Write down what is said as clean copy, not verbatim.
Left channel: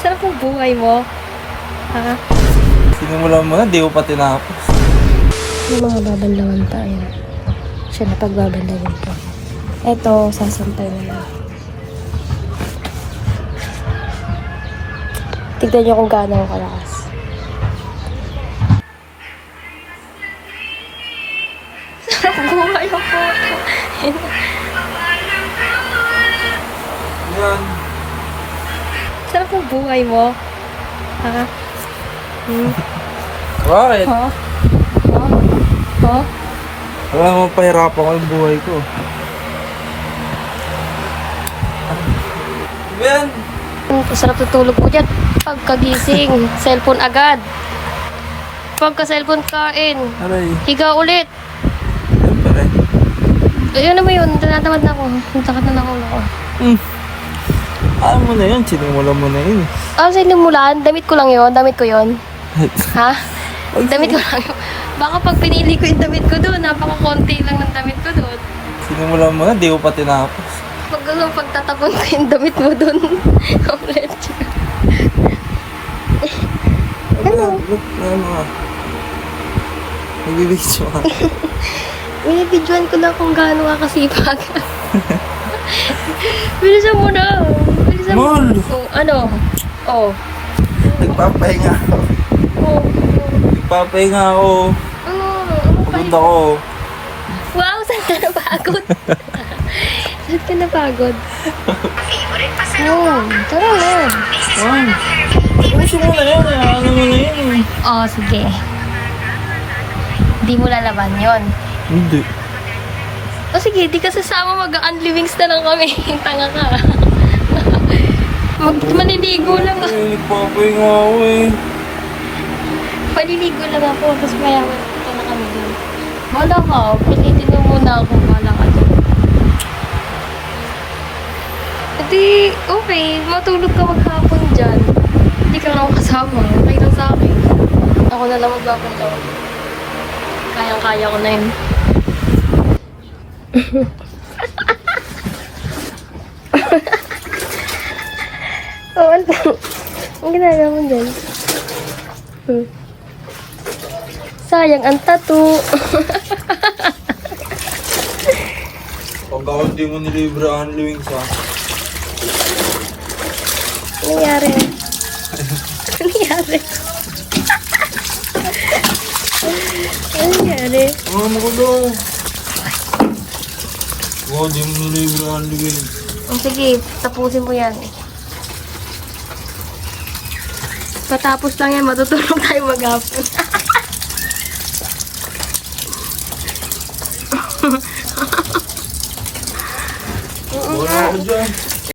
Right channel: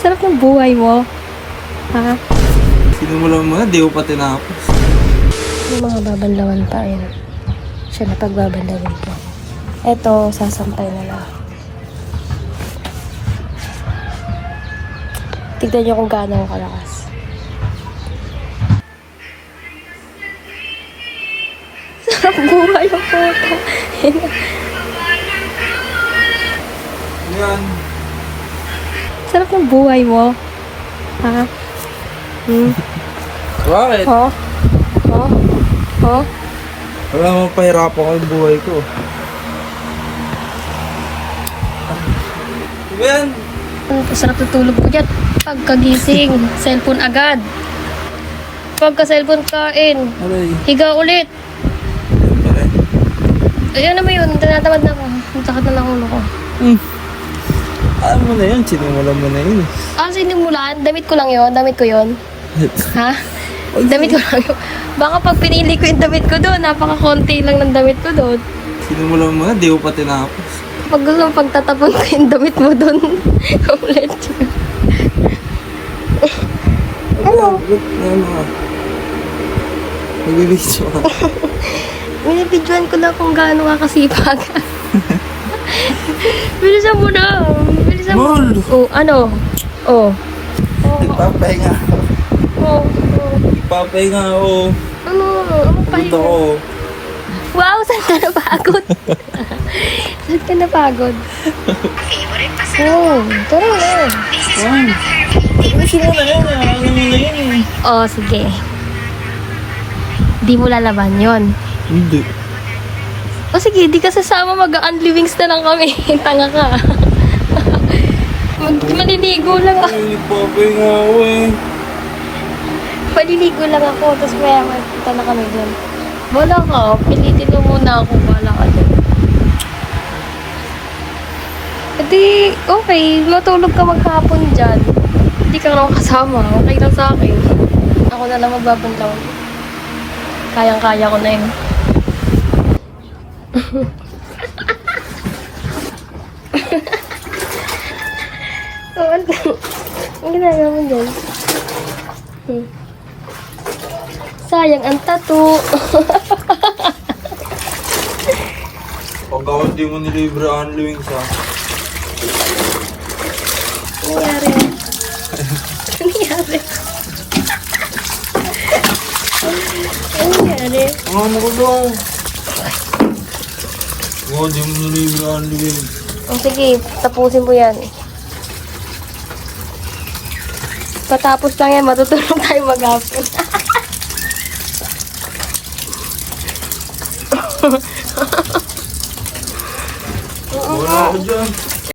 Sarap ng buhay mo. Ha? Sinimulan mo na, di ko pa tinapos. May mga babanlawan pa yun. Siya na pagbabanlawin ko. Eto, sasampay na lang. Tignan niyo kung gaano ako kalakas. Sarap buhay ang photo. Yan. Sarap ng buhay mo. Ha? Bakit? Ha? Ha? Ha? Wala naman pahirapan ko yung buhay ko. Diba yan? Sarap tutulog ko dyan. Pagkagising, cellphone agad. Pagka-cellphone kain, Aray. higa ulit. Ayun na mo yun, tinatamad na ako. Ang sakit na lang ulo ko. Alam mo na yun, sinimulan mo na rin. Sa inimulan, damit ko lang yun. Damit ko yun. Ha? Damit ko lang yun. Baka pag pinili ko yung damit ko doon, napaka-konti lang ng damit ko doon. Sinimulan mo na, di ko pa tinapos. Pag gusto mo pagtatapon ko yung damit mo doon, ulit. Ano? Ano nga? Nag-video ka. Nabidyoan ko daw kung gaano ka kasipag. Bilisan mo na. Bilisan mo. Mol! Oh, ano? Oh. Nagpapahinga. Oh. Nagpapahinga ako. Ano? Ano pa? Pagod ako. Wow, saan ka napagod? Saan ka napagod? Oh, tara na. Juan! Gusto mo na yun. Ano mo na yun eh. Oh, sige. Di mo lalaban yon. Hindi. O sige, di ka sasama, mag-unlivings na lang kami. Tanga ka. Maliligo lang ako. Ay, nagpapahinga ako eh. Paliligo lang ako, tapos maya punta na kami dun. Wala ka, pinitin mo muna ako, wala ka dun. Edi, okay, matulog ka maghapon dyan. Hindi ka lang kasama, okay lang sa akin. Ako na lang magbabantaw. Kayang-kaya ko na yun. Oh, ano? Ang ginagawa mo dyan? Sayang ang tattoo. Pag ako hindi mo nilibre ang living sa... Ano nangyari? Ano nangyari? Ano nangyari? Ano ko daw? Oo, hindi mo nilibre ang living. Oh, sige, tapusin ko yan. Patapos lang yan, matutulog tayo maghapon.